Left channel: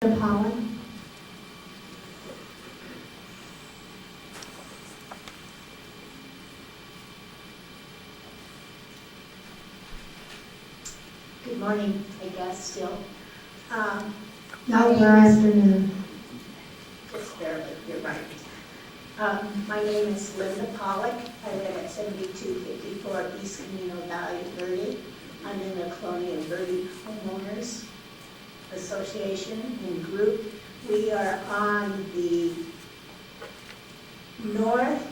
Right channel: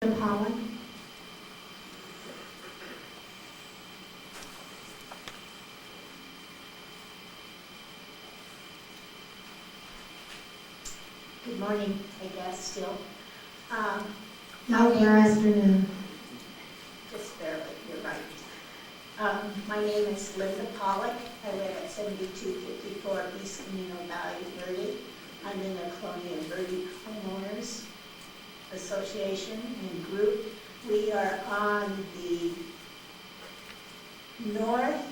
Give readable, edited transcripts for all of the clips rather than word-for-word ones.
Pollock. Good morning, I guess, still. No, we're afternoon. Just barely, you're right. My name is Linda Pollock. I live at 7254 East Camino Valley, Verde. I'm in the Crony Verde Homeowners Association and group. We are on the northeast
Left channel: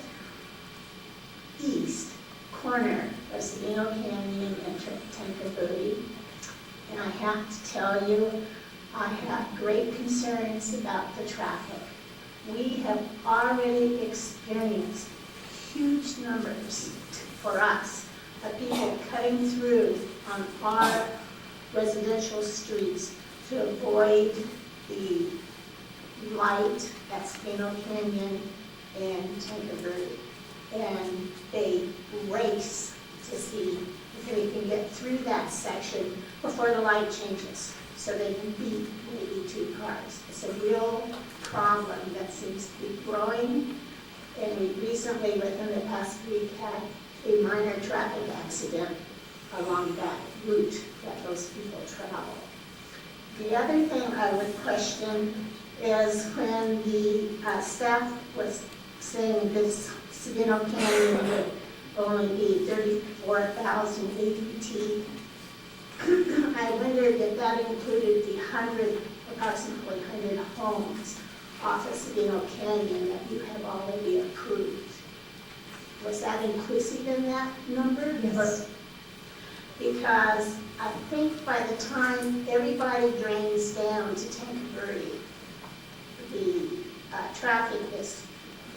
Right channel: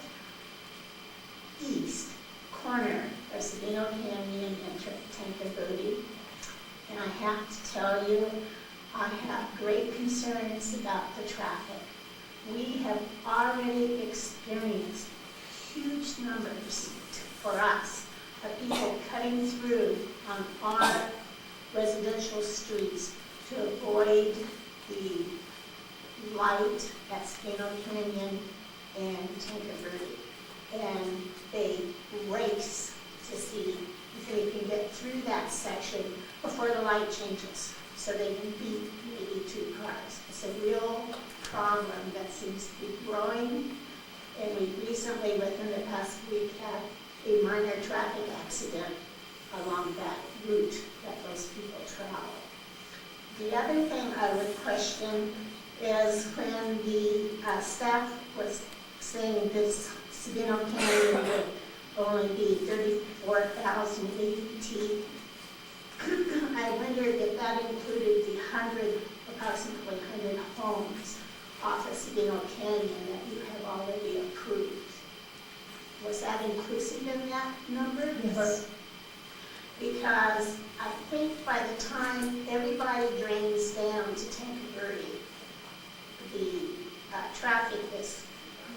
corner of Sabino Canyon and Tenka Verde. And I have to tell you, I have great concerns about the traffic. We have already experienced huge numbers for us of people cutting through on our residential streets to avoid the light at Sabino Canyon and Tenka Verde. And they race to see if they can get through that section before the light changes, so they can beat maybe two cars. It's a real problem that seems to be growing, and we recently, within the past week, had a minor traffic accident along that route that those people travel. The other thing I would question is when the staff was saying this Sabino Canyon would only be 34,000 ADT. I wondered if that included the approximately 100 homes off of Sabino Canyon that you have already approved. Was that inclusive in that number? Yes. Because I think by the time everybody drains down to Tenka Verde, the traffic is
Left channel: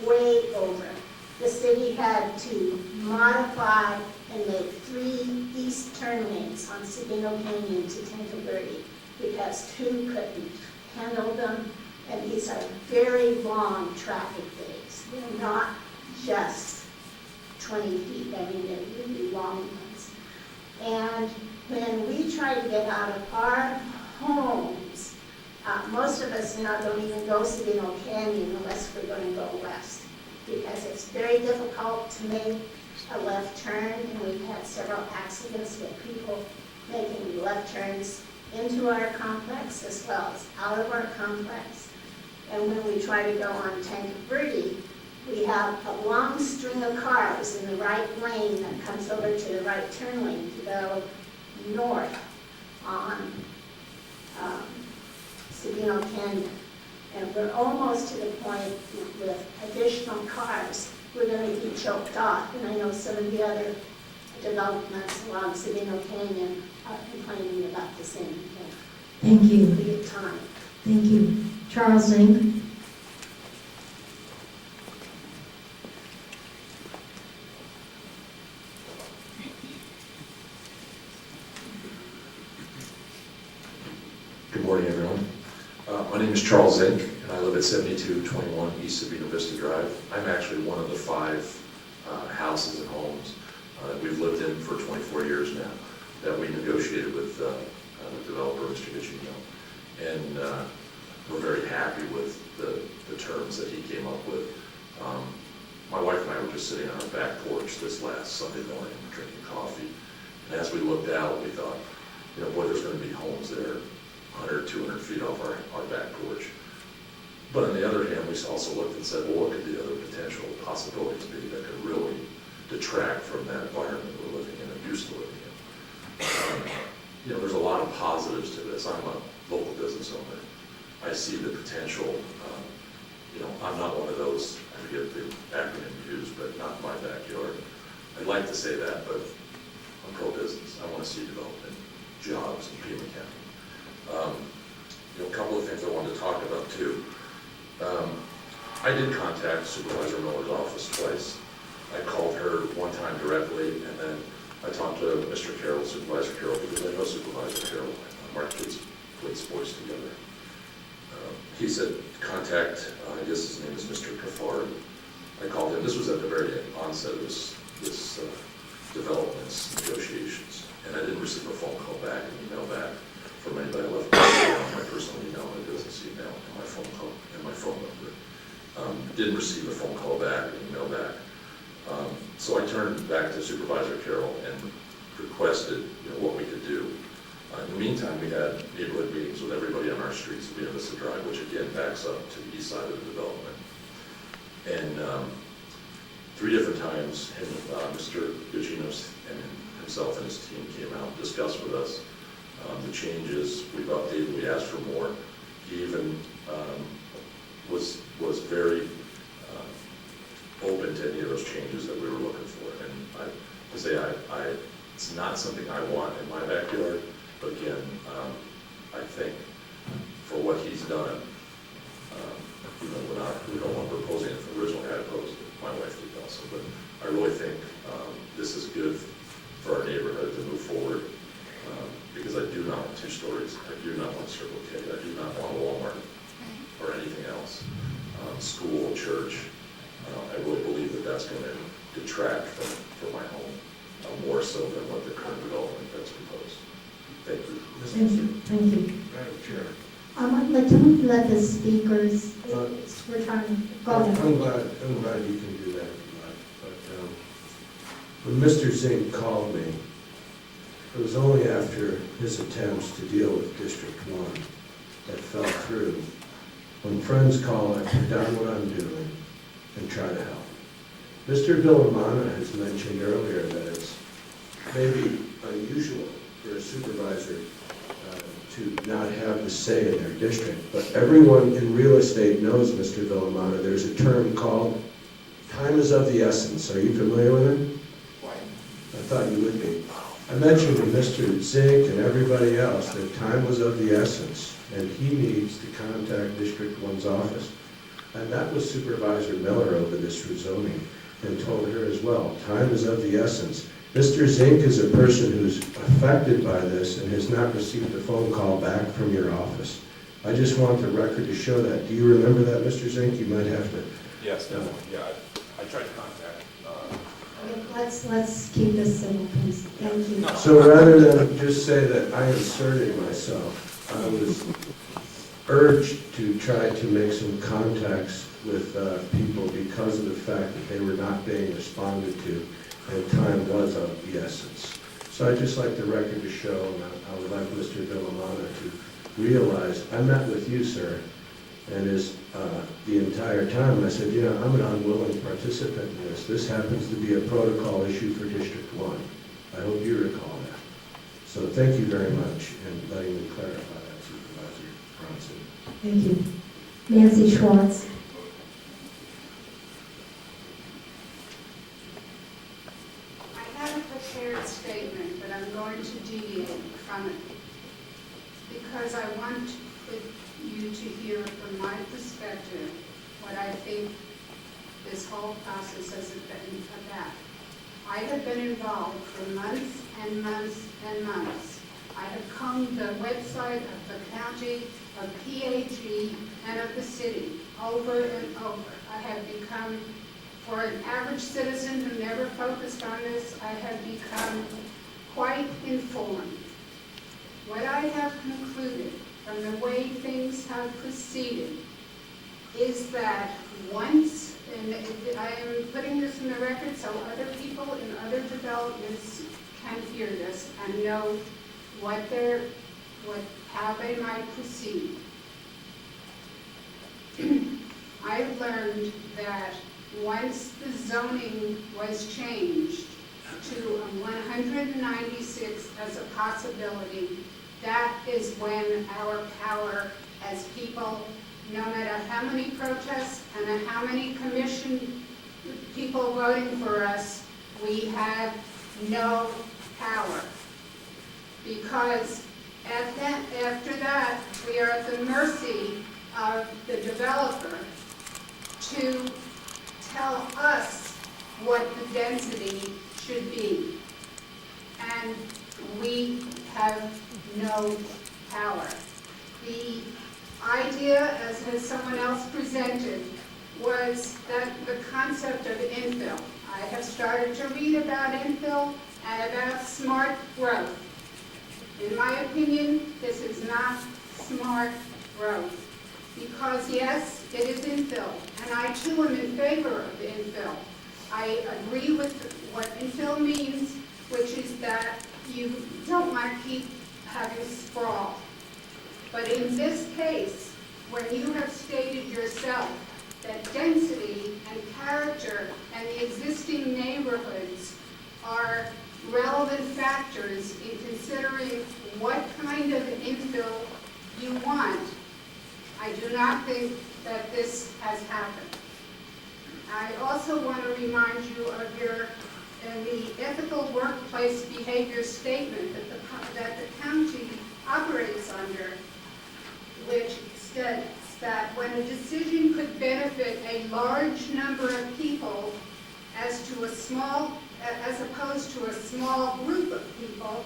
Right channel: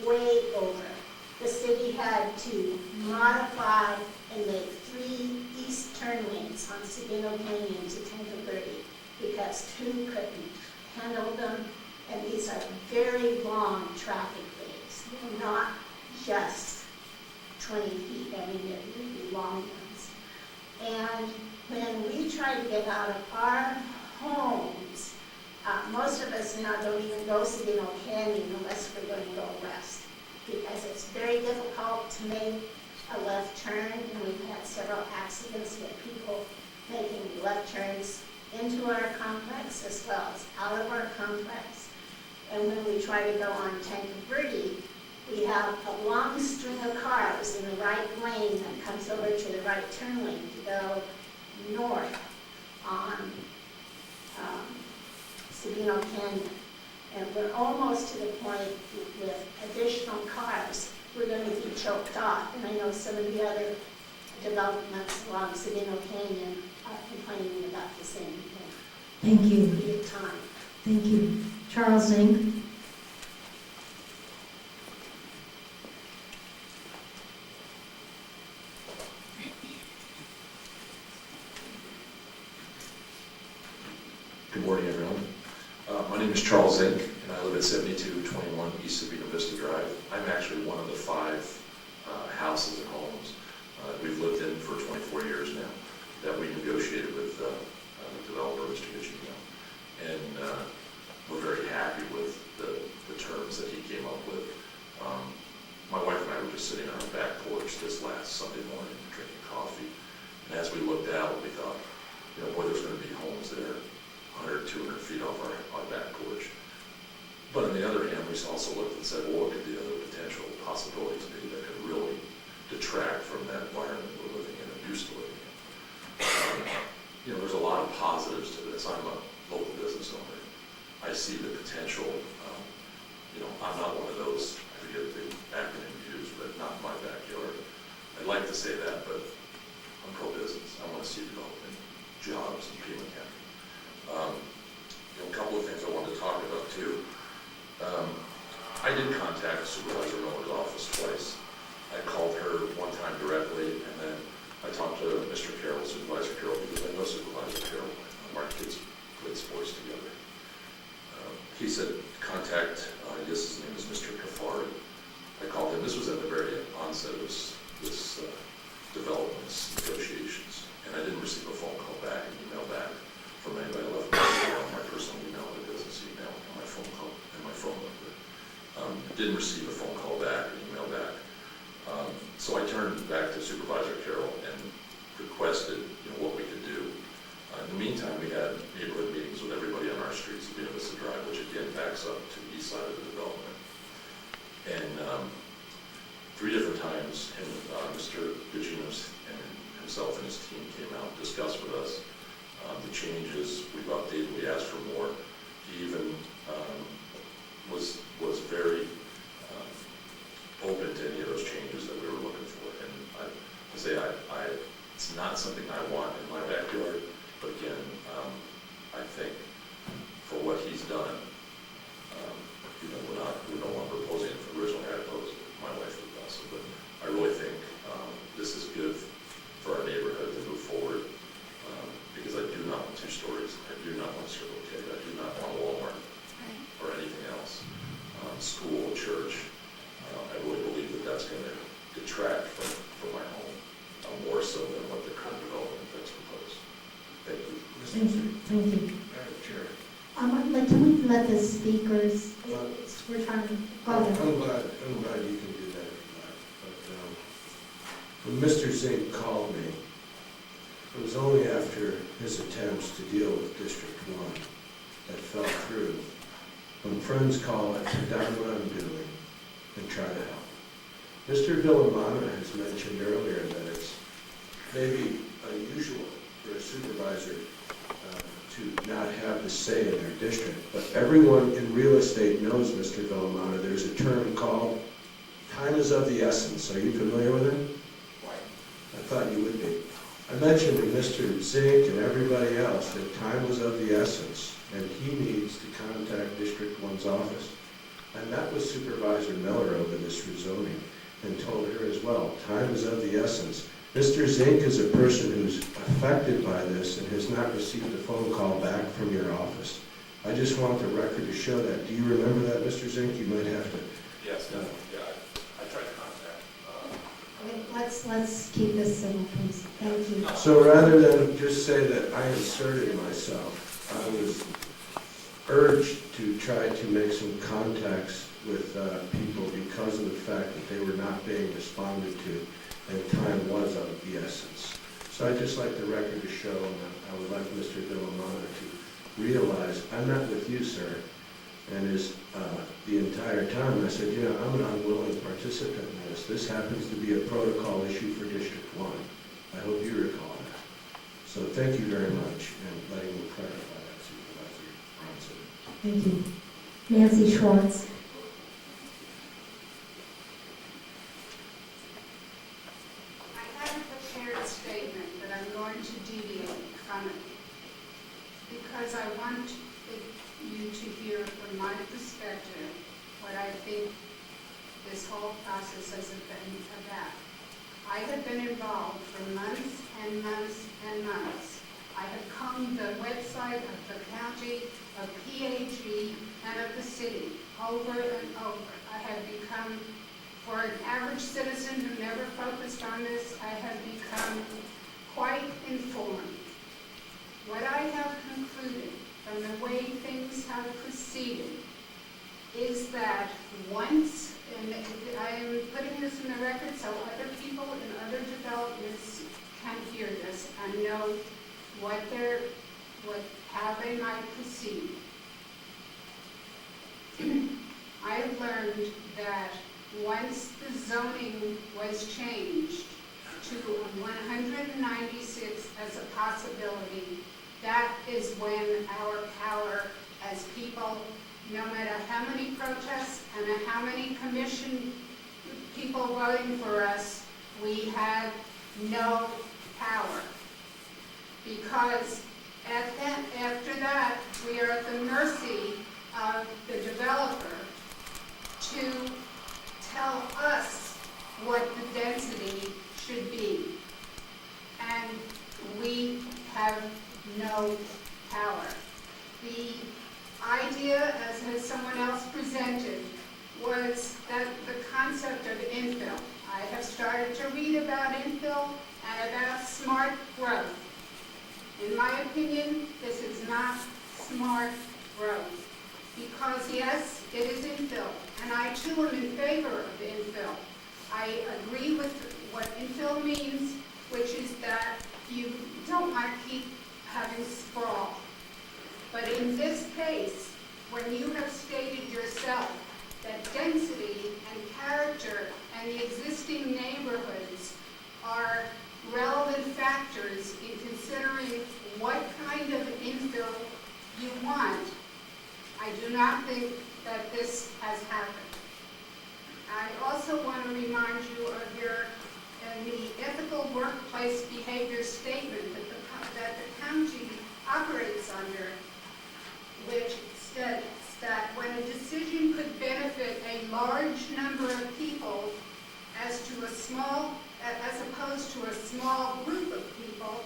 way over. The city had to modify and make 3 east turn lanes on Sabino Canyon to Tenka Verde because 2 couldn't handle them. And these are very long traffic days. They're not just 20 feet. I mean, they're really long ones. And when we try to get out of our homes, most of us now don't even go Sabino Canyon unless we're going to go west, because it's very difficult to make a left turn, and we've had several accidents with people making left turns into our complex as well as out of our complex. And when we try to go on Tenka Verde, we have a long string of cars in the right lane that comes over to the right turn lane to go north on Sabino Canyon. And we're almost to the point with additional cars, we're going to be choked off. And I know some of the other developments along Sabino Canyon are complaining about the same thing. Thank you. For your time. Thank you. Charles Zink. Good morning, everyone. My name is Charles Zink, and I live at 7221 East Sabino Vista Drive. I'm actually one of the 5 houses and homes that we've lived in for 24 years now that we negotiated with the developer, Mr. Gicino. And we're very happy with the terms that he came up with. My wife and I were just sitting on our back porch this last Sunday morning drinking coffee. And as we looked out, we thought, you know, boy, there's going to be homes there 100, 200 feet off our back porch. But on the other hand, we also looked and said, well, what could the other potential possibilities be that could really detract from that environment we're living in and used to living in? You know, there's a lot of positives to this. I'm a local business owner. I see the potential. You know, I'm not one of those, I forget the acronym used, but not in my backyard. I'd like to say that, but I'm pro-business. I want to see development, jobs in Pima County. You know, a couple of things I wanted to talk about too. I did contact Supervisor Miller's office twice. I called her one time directly, and then I talked to Mr. Carroll, Supervisor Carroll, because I know Supervisor Carroll. Our kids played sports together. He said, contact, I guess his name is Mr. Kafari. I called him. This was at the very onset of this development's negotiations, and I didn't receive a phone call back, an email back from anybody. I left my personal email in my business email. So I turned back to Supervisor Carroll and requested, what we could do. In the meantime, we had neighborhood meetings with everybody on our streets, Sabino Vista Drive, which again backs up to the east side of the development. And 3 different times, Mr. Guccinos and himself and his team came out and discussed with us the changes. We've updated, we asked for more. He even was very open to any of those changes that we were looking for. And it's not something I want in my backyard, but again, I think for what he's done, we don't want to propose it. Originally I opposed it, my wife did also, but I really think this is good for our neighborhood to move forward, because I do not want 2 stories, I do not want Circle K, I do not want Walmart or anything else, school, church. I really believe that that's going to detract from my home, more so than what the current development that's proposed. Thank you. Thank you. Thank you. Madam Chair. Can we let the speakers, we're trying to, go ahead. I'm glad you can do that if you like. But when Mr. Zink called me, it was only after his attempts to deal with District 1 that fell through. When friends call, I put down what I'm doing and try to help. Mr. Villamana has mentioned earlier that it's maybe unusual for a supervisor to not have the say in their district. But everyone in real estate knows, Mr. Villamana, there's a term called time is of the essence. Are you familiar with it? I thought you would be. I mentioned to Mr. Zink and everybody else that time was of the essence, and he needs to contact District 1's office. I met with Supervisor Miller over this rezoning and told her as well, time is of the essence. Mr. Zink is a person who's affected by this and has not received a phone call back from your office. I just want the record to show that. Do you remember that, Mr. Zink? You might have to. Yes, definitely. Yeah, I tried to contact. Okay, let's keep this civil, please. Thank you. So rather than just say that I inserted myself, I was urged to try to make some contacts with people because of the fact that they were not being responded to, and time was of the essence. So I'd just like the record to show, and I would like Mr. Villamana to realize, I met with you, sir, and the entire time I said, I'm an unwilling participant in this. This happens to be a protocol issue for District 1. I hope you recall that. So thank you very much in letting me clarify that, Supervisor Bronson. Thank you. Nancy Schwartz. I have a prepared statement, but I'm going to deviate from it because I want you to hear from my perspective what I think this whole process has been about. I have been involved for months and months and months. I have combed the website of the county, of PAG, and of the city over and over. I have become, for an average citizen who never focused on this, I have become quite informed. What I have concluded from the way things have proceeded is that once, and I am putting this in the record so other people in other developments can hear this and know how they might proceed. I've learned that once the zoning was changed to 196 as a possibility, that is when our power as people, no matter how many protests and how many commission people voting for us, we have no power. Because after that, we are at the mercy of the developer to tell us what the density should be. And we have no power. The idea, as someone else presented, was that the concept of infill. I have started to read about infill and about smart growth. In my opinion, this is not smart growth. Because yes, it is infill, and I too am in favor of infill. I agree with what infill means, which is that you don't want to keep having sprawl. But in this case, when you have stated yourself that density and character and the existing neighborhoods are relevant factors in considering what kind of infill you want, I do not think that this has happened. I also want to remind you of the ethical workplace behavior statement that the county operates under, which states that when a decision could benefit a large number of people as opposed to a small group of people,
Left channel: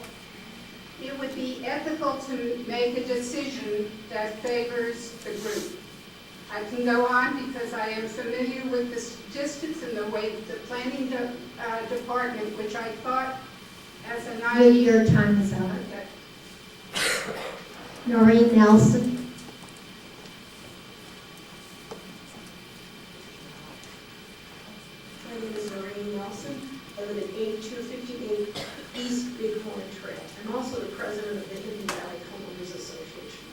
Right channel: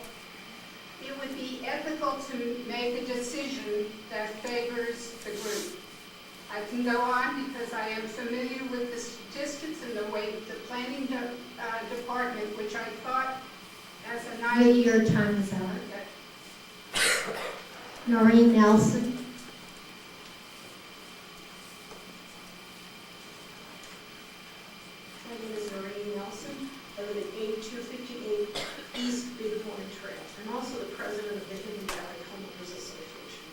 it would be ethical to make a decision that favors the group. I can go on because I am familiar with the statistics and the way the planning department, which I thought as a naive... Your time is up. Okay. Noreen Nelson. My name is Noreen Nelson. I live at 8258 East Bighorn Trail. I'm also the president of the Hidden Valley Homeowners Association.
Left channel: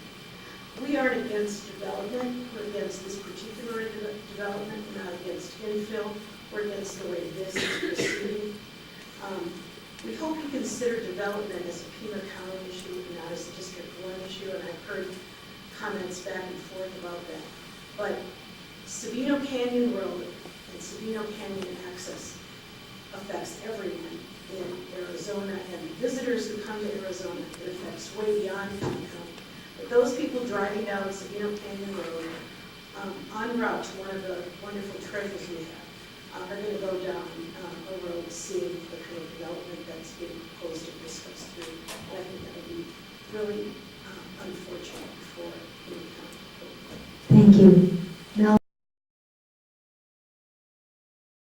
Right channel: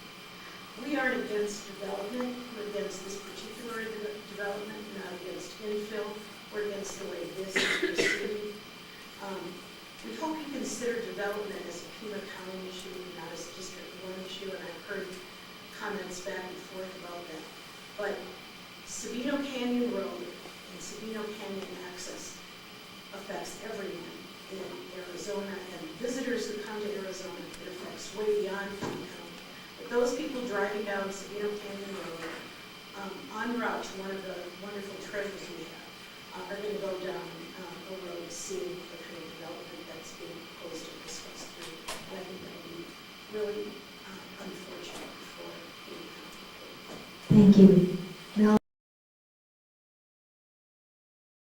We aren't against development. We're against this particular development, not against infill. We're against the way this is proceeding. We hope you consider development as a Pima County issue and not as a District 1 issue, and I've heard comments back and forth about that. But Sabino Canyon Road and Sabino Canyon access affects everyone in Arizona and visitors who come to Arizona. It affects way beyond Pima County. But those people driving down Sabino Canyon Road en route to one of the wonderful treasures we have are going to go down a road seeing the kind of development that's being proposed and discussed through. And I think that would be really unfortunate for Pima County. Thank you.